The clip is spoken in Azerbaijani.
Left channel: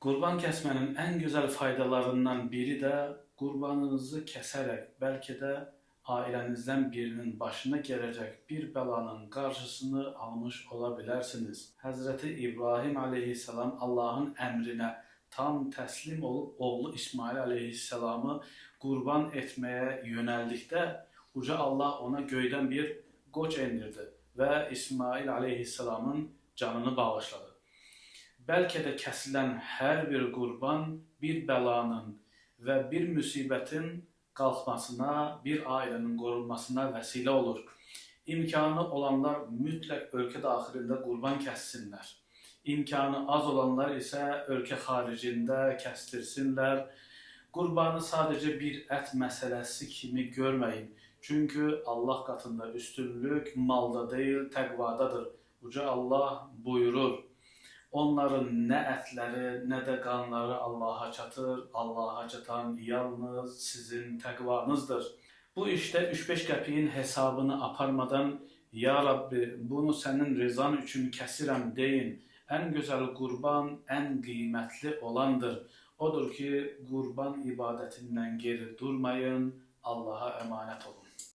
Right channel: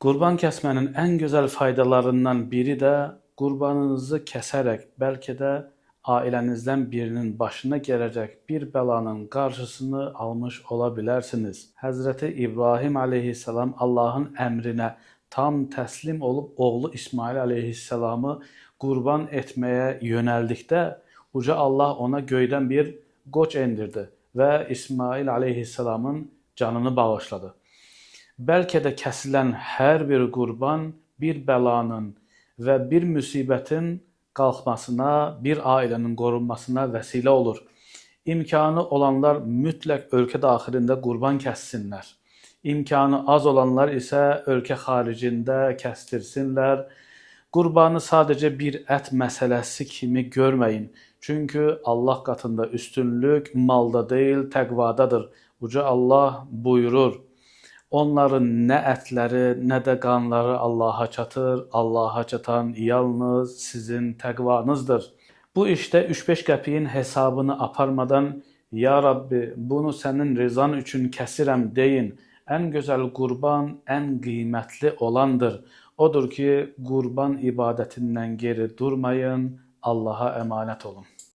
Qurban kəsmənin ən gözəl faydalarından biri də qurbanınızı kəsərək bəlkə də ailənizdən birinin başına gələcək bir bəlanın qarşısını almış ola bilərsiniz. Həzrəti İbrahim əleyhissalam Allahın əmrinə tam təslim olub oğlu İsmail əleyhissalamı qurban etməyə yönəldikdə uca Allah ona göydən bir qoç endirdi və İsmail əleyhissalamın canını bağışladı. Bəlkə də kəsilən hər bir qurban bir bəlanın və bir müsibətin qalxmasına, bir ailənin qorunmasına vəsilə olur. İmkanı olanlar mütləq ölkə daxilində qurban kəssinlər. İmkanı az olanlar isə ölkə xaricində kəstirsinlər. Qurbanı sadəcə bir ət məsələsi kimi görməyin. Çünki Allah qatında üstünlük malda deyil, təqvadadır. Uca Allah buyurur: onların nə ətləri, nə də qanları Allaha çatır. Allaha çatan yalnız sizin təqvanızdır. Bu işdə 3-5 qəpiyin hesabını aparmadan, ya Rabbi, bunu sənin rızan üçün kəsirəm deyin. Ən gözəl qurban ən qiymətli olandır. Odur ki, qurban ibadətindən geri durmayın. Allaha əmanət olun.